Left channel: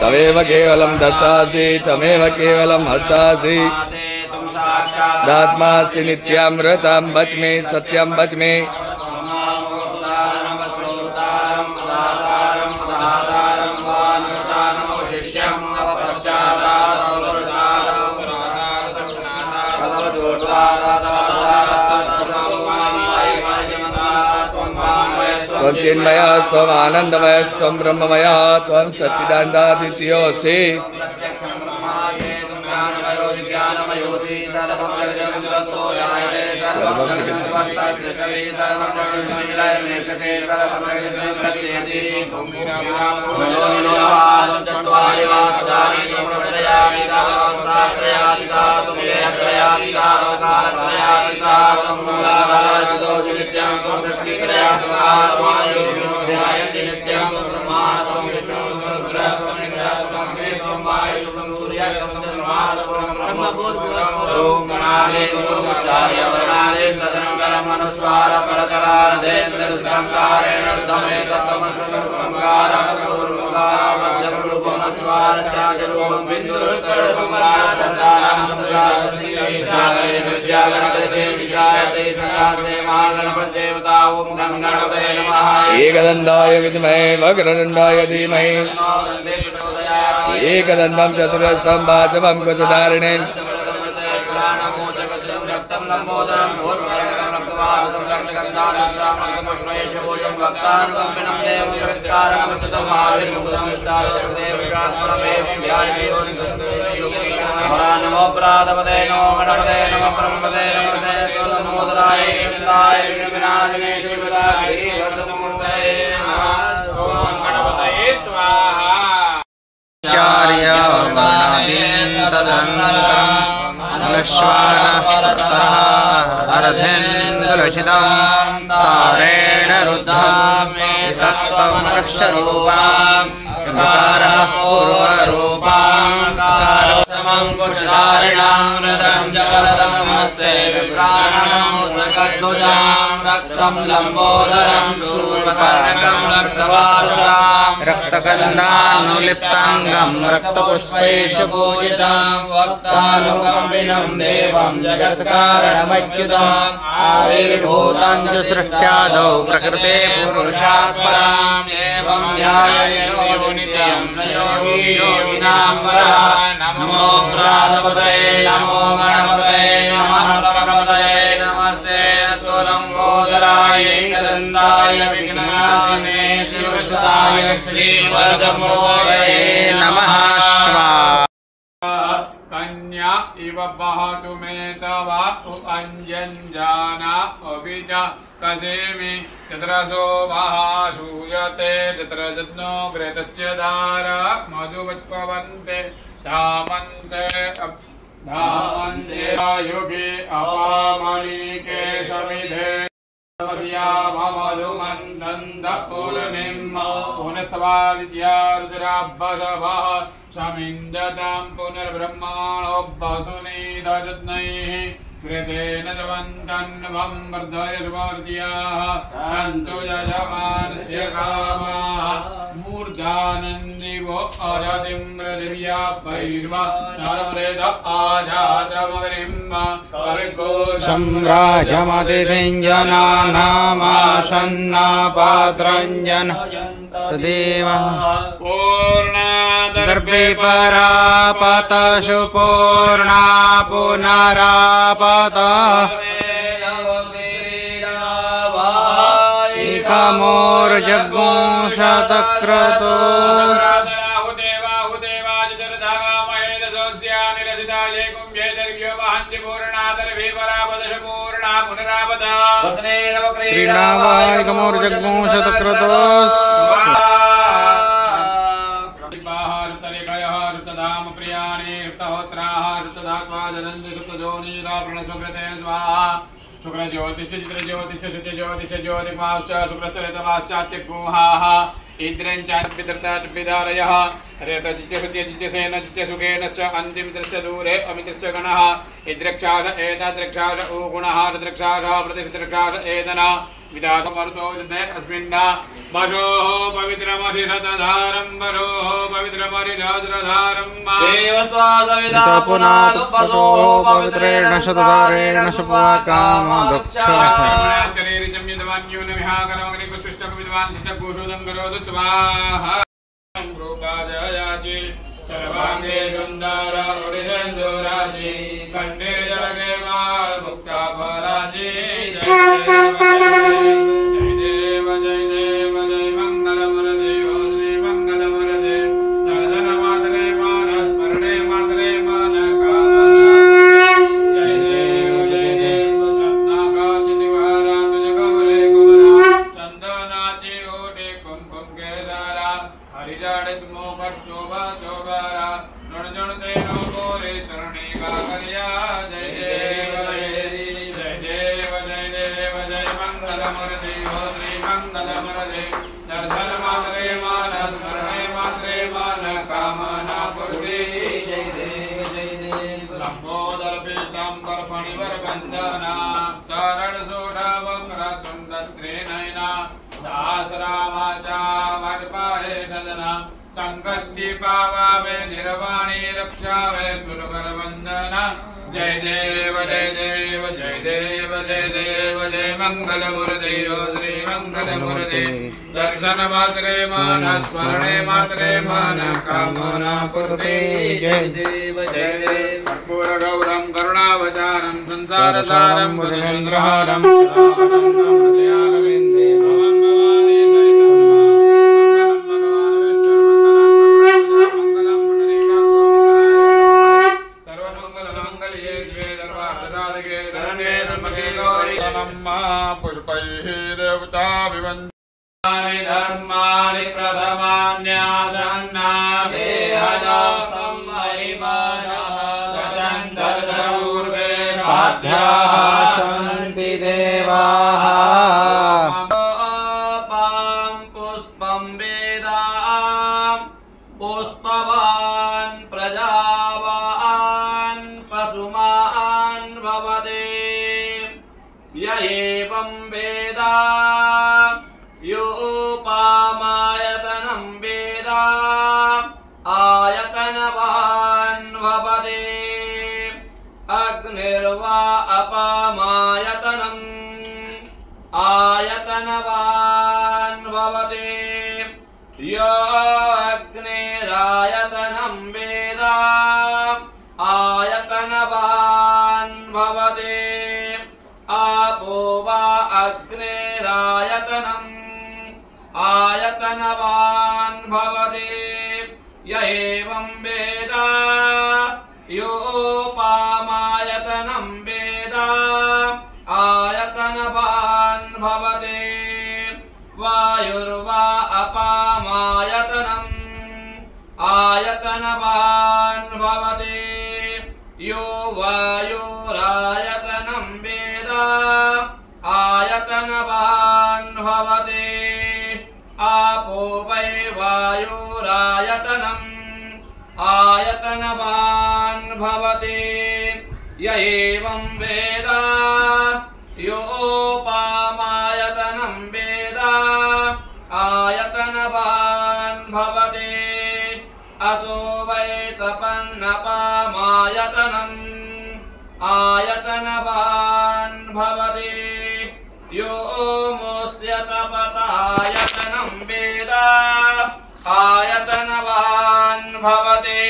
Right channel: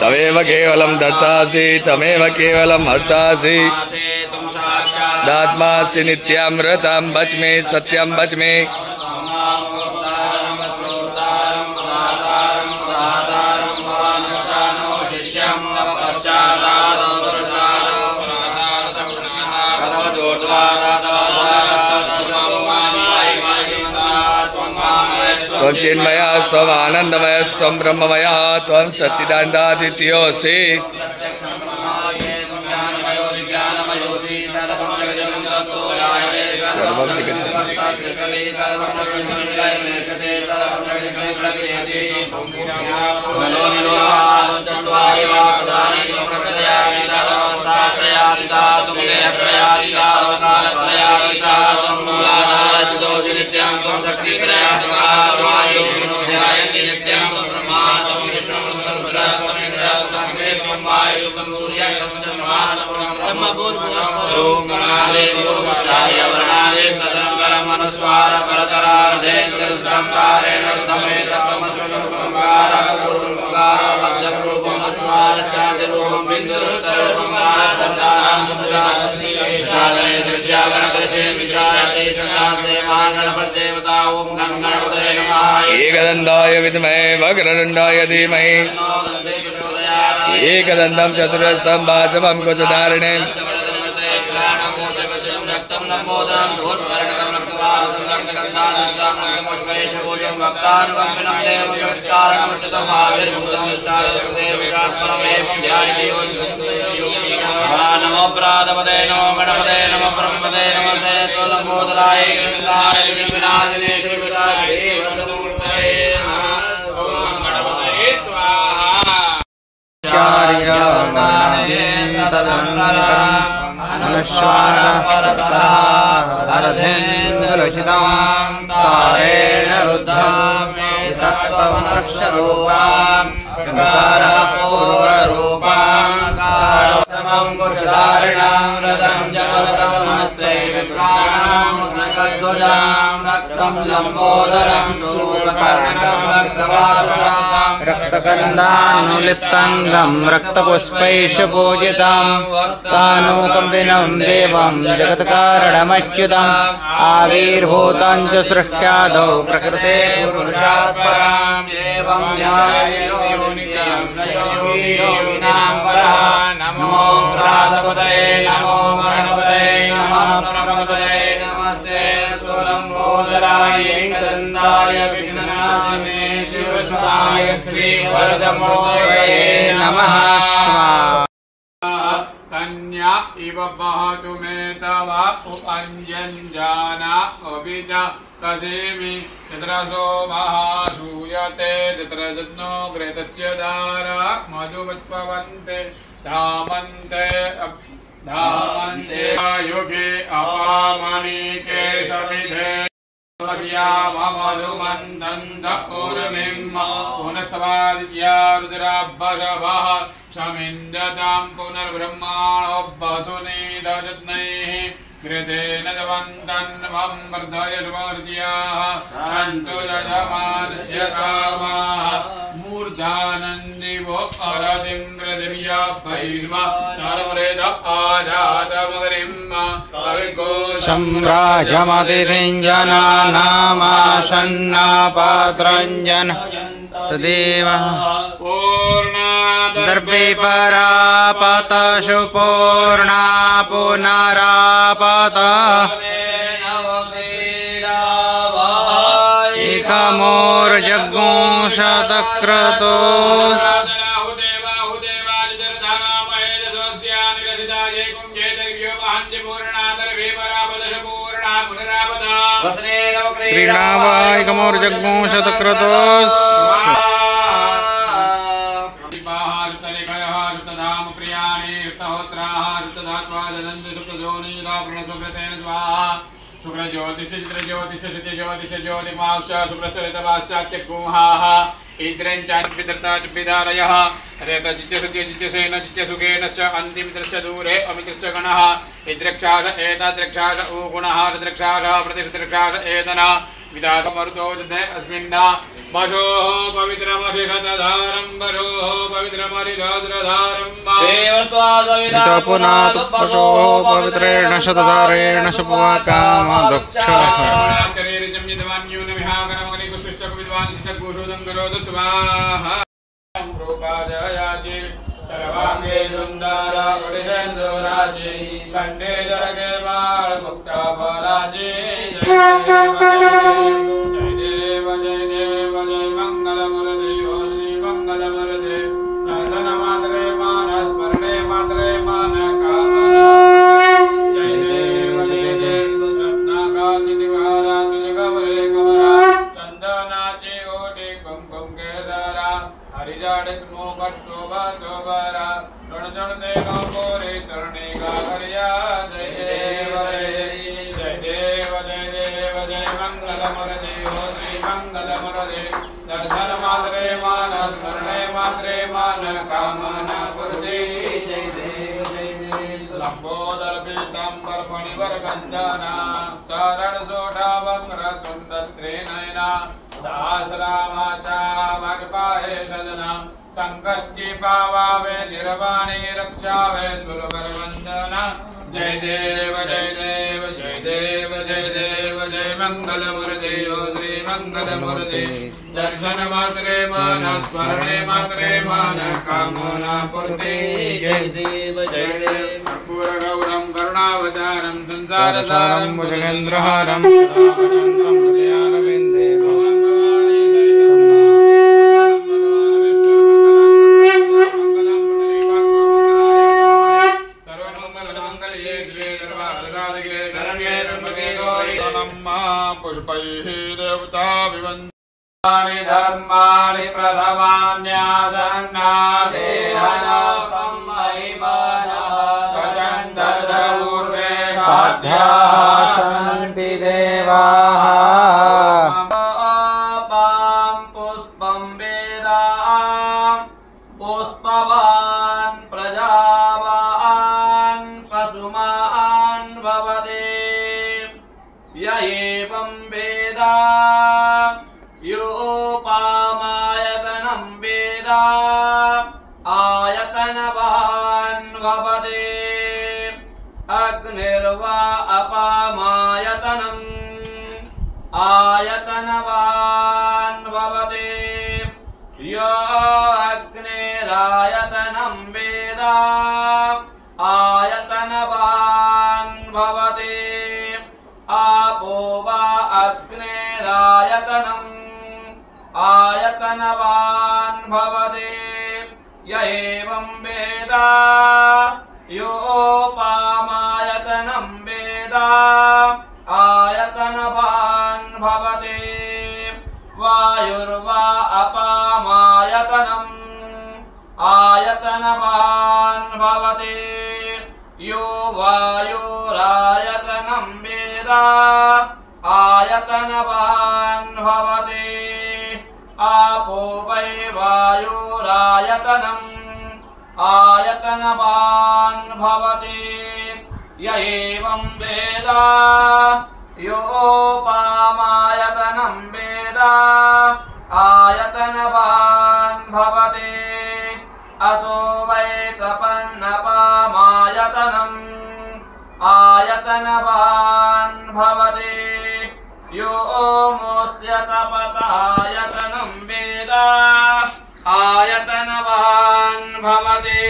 तमेव केवलं दत्तासि तमेव केवलं हर्तासि दात्मासि नित्यामृतं वच मे सत्यं वच मे त्वं चिन्मयः त्वं आनन्दमयः त्वं ब्रह्ममयः त्वं सच्चिदानन्दादित्योऽसि सर्वं जगत् एकदन्ताय विद्महे वक्रतुण्डाय धीमहि एकदन्तं चतुरस्रं वासवं कुशधारिणीं नमो प्रातपदे नमो गणपते नमो ब्रह्मपदे नमो जयसोलमोदराय विनाशिने श्रीविलासे वर्धनमूर्तये नमः गणपतये स्वाहा चार्य वर्णादीन तदनन्तरं अलश्वारः अर्धेन्दुलसितं तारेण रुद्धं तत्तं रक्षरूपां विकारः पूर्वरूपां कुशधारिणां रदं जगतमस्ते विप्राणमोदकध्वजां रक्तं लम्बोदरं शूर्पकर्णकं रक्तवाससं रक्तगन्धानुलिप्ताङ्गं रक्तपुष्पैषु पूजितं वक्तानुकम्पिनं देवं जगत्कारणमच्युतम् आविर्भूतं च सृष्ट्यादौ प्रकृते पुरुषात् पराम् एवं ध्याययो नित्यं स योगी योगिनां परः नमो प्रातपदये नमो गणपतये नमः प्रमदये नमस्ते लम्बोदराय एकदन्ताय विघ्ननाशिने शिवसुताय श्रीवरदमूर्तये नमः कन्या इव वहतु मे तव उपञ्जञ्जाना अभिज कसेमि तत्रसो वः श्रूयते तत्र जत्नो घृतस्य धार मधुवत्पवन्ते धामन्ते युगे अपामनीके समिधे पुनस्तवादित्या रुद्राभ्वशवः शमिन्दतां पुनर्ब्रह्माणो वसुनीलजत्नैः कृतेन जवन्तन्वं वर्धय सुवर्ध्याः सन्तु यजमानस्य कामाः मूर्धानन्दिवो अरतिं पृथिव्या भैर्वा नरवरेद आजातमगरिं सम्राजमतिथिञ्जनानामाशन्नापात्रञ्जन तदेव पूर्णादर्भे परापतशु पूर्णा पुनरापत एकमोर्जगुंशतक्रतोस् क्रीडावायकमोर्जगुंशतक्रतोस् शुक्र ज्योतिष चित्र ज्योतिष शुद्ध ज्योतिष ज्योतिमाश्च शुक्रस्यतमाश्चात्यगुहाः इंद्रञ्चान्वितर्ता च विदारयः रेतचिच्च सत्यचिच्च सेन चिच्च सुखेनश्च अन्तिमित्रश्च दूरे अमित्रश्च गणः इद्रक्षाश एताद्रक्षाश ऊगुणः रद्रक्षाशः प्रतिशतरक्षाश एतना विदासमर्तो जते अस्मिन्ना वशोः पवित्रमधिरतधारं वरोः पवित्रमधिरद्रधारं वितो पुनातु पशोः पवित्रेण शतधारेण शुभकामदक्षः रूपाजयाचि सर्वांगे सुंदर उदितेन्दु राजी कंठे जलगे माल मुक्ता भराजी जय देव जय मंगल मुरदे श्री मंगल मुरदे धन मात्रे मान स्मरणे मात्रे मान कामना जय देव रत्नाका चितिवारा तुझ गवरे कुमरा चंदनाची ओटे कुमकुम केसरा हरिजाड़ित मोमर शोभा दोबारा नुण जन देनो गोरे चरणे गावरिया जय देव जय देव जय देव जय देव जय मंगल मुरदे श्री मंगल मुरदे दर्शन मात्रे मान स्मरणे मात्रे मान कामना पूर्ति जय देव लंबोदर पीतांबर फणिवर कंदना शरण सोढ़ा वक्र तुंड त्रिनयना दास रामाचा वाटपाहे सदना संकष्टि पावावे निर्वाणी रक्षावे सुरवर वंदना जय देव जय देव जय देव जय देव जय मंगल मुरदे श्री मंगल मुरदे दर्शन मात्रे मान स्मरणे मात्रे मान कामना पूर्ति जय देव जय देव कर्पूर गौरम करुणावतारम संसार सारम भुजगेन्द्रहारम पुष्पैः देवता विवन्दानि धर्माणि प्रथमान्यासन्ना देहजातं महिमानः सचन्दर्पूर्वे साध्याः सन्ति देवाः पां पुष्पं वेदां पुष्पवान् प्रजावान् पशुमान् भवते य एवं वेद योपामायतनं वेद आयतनवान् भवते अग्निर्वा अपामायतनम् आयतनवान् भवते यो अग्निरायतनं वेद आयतनवान् भवते आपो वा अग्नेरायतनम् आयतनवान् भवते य एवं वेद योपामायतनं वेद आयतनवान् भवते वायुर्वा अपामायतनम् आयतनवान् भवते यो वायुरायतनं वेद आयतनवान् भवते आपो वै वायुरायतनम् आयतनवान् भवते य एवं वेद योपामायतनं वेद आयतनवान् भवते असो वै तपन्नपामायतनम् आयतनवान् भवते यो मोस्य तपतायतनं वेद आयतनवान् भवते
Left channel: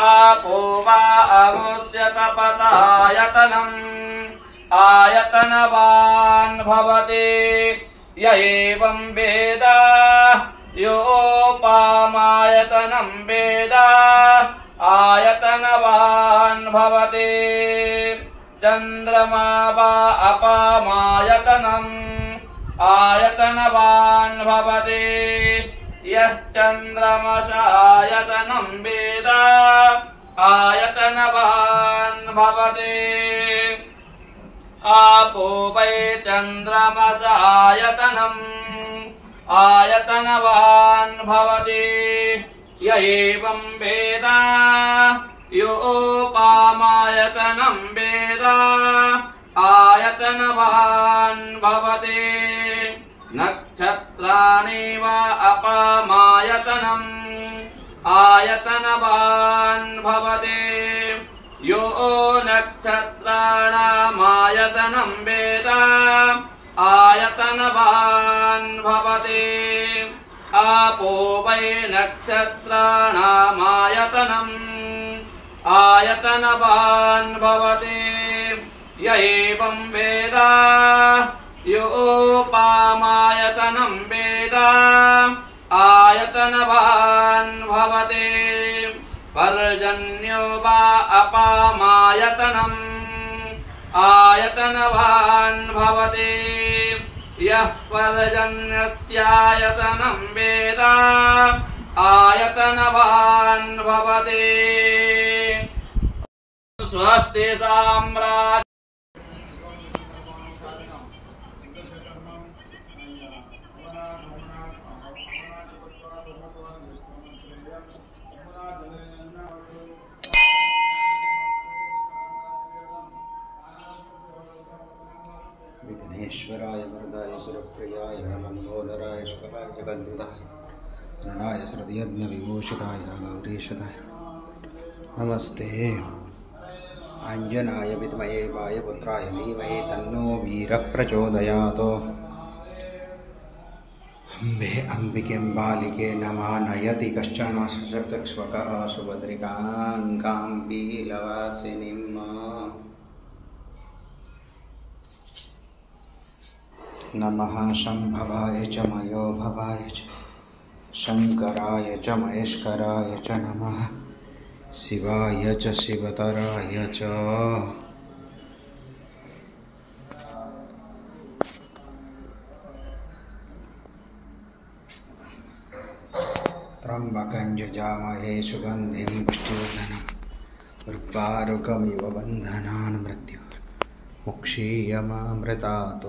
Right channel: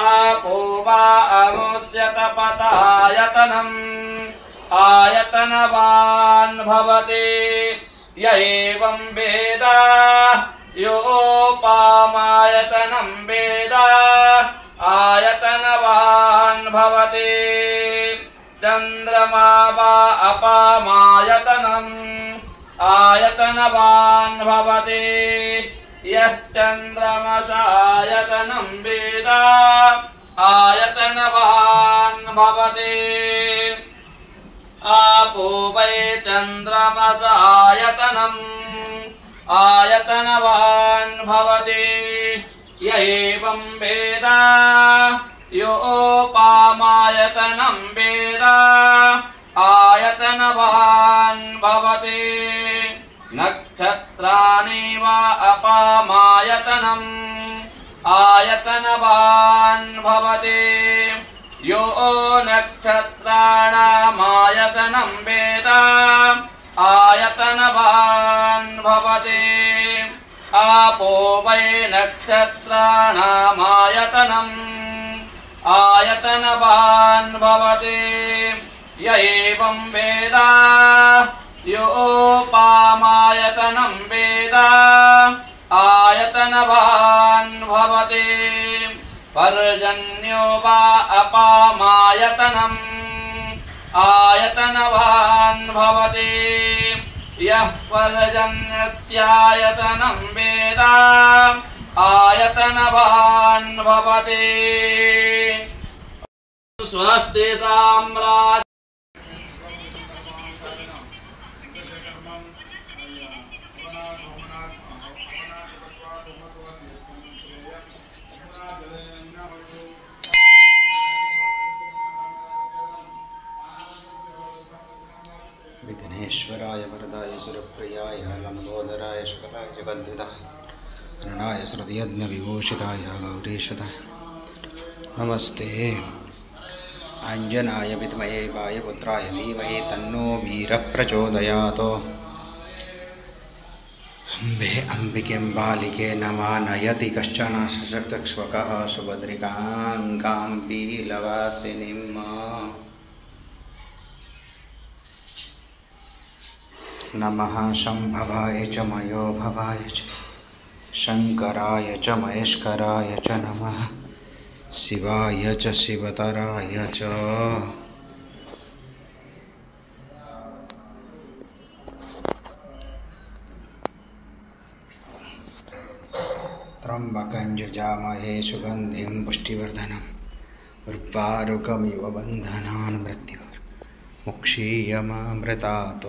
आपो वा अमुस्य तपतायतनम् आयतनवान् भवते य एवं वेद योपामायतनं वेद आयतनवान् भवते चन्द्रमा वा अपामायतनम् आयतनवान् भवते यश्चन्द्रमसायतनं वेद आयतनवान् भवते आपो वै चन्द्रमसायतनम् आयतनवान् भवते य एवं वेद योपामायतनं वेद आयतन आयतनवान् भवति नक्षत्राणि वा अपामायतनम् आयतनवान् भवति यो नक्षत्राणामायतनं वेद आयतनवान् भवति आपो वै नक्षत्राणामायतनम् आयतनवान् भवति य एवं वेद योपामायतनं वेद आयतनवान् भवति पर्जन्यो वा अपामायतनम् आयतनवान् भवति यः पर्जन्यस्यायतनं वेद आयतनवान् भवति स्वस्ति साम्राज्य विघ्नेश्वराय वरदाय सुरप्रियाय लंबोदराय शकलाय जगद्विदाय अननाय श्रुतियज्ञविभूषिताय गौरीशताय नमस्ते अंजनाय विद्महे वायुपुत्राय धीमहि तन्नो वीरः प्रचोदयात् अम्बे अम्बिकें बालिके नमा नयति कश्चन सशक्तक्ष्वकः सुभद्रिकां काम्पीलवासिनीम् नमः शंभवाय च मयो भवाय च शंकराय च महेश्वराय च नमः शिवाय च शिवतराय च त्र्यंबकं यजामहे सुगन्धिं पुष्टिवर्धनम् उर्वारुकमिव बन्धनान् मृत्योर्मुक्षीयमामृतात्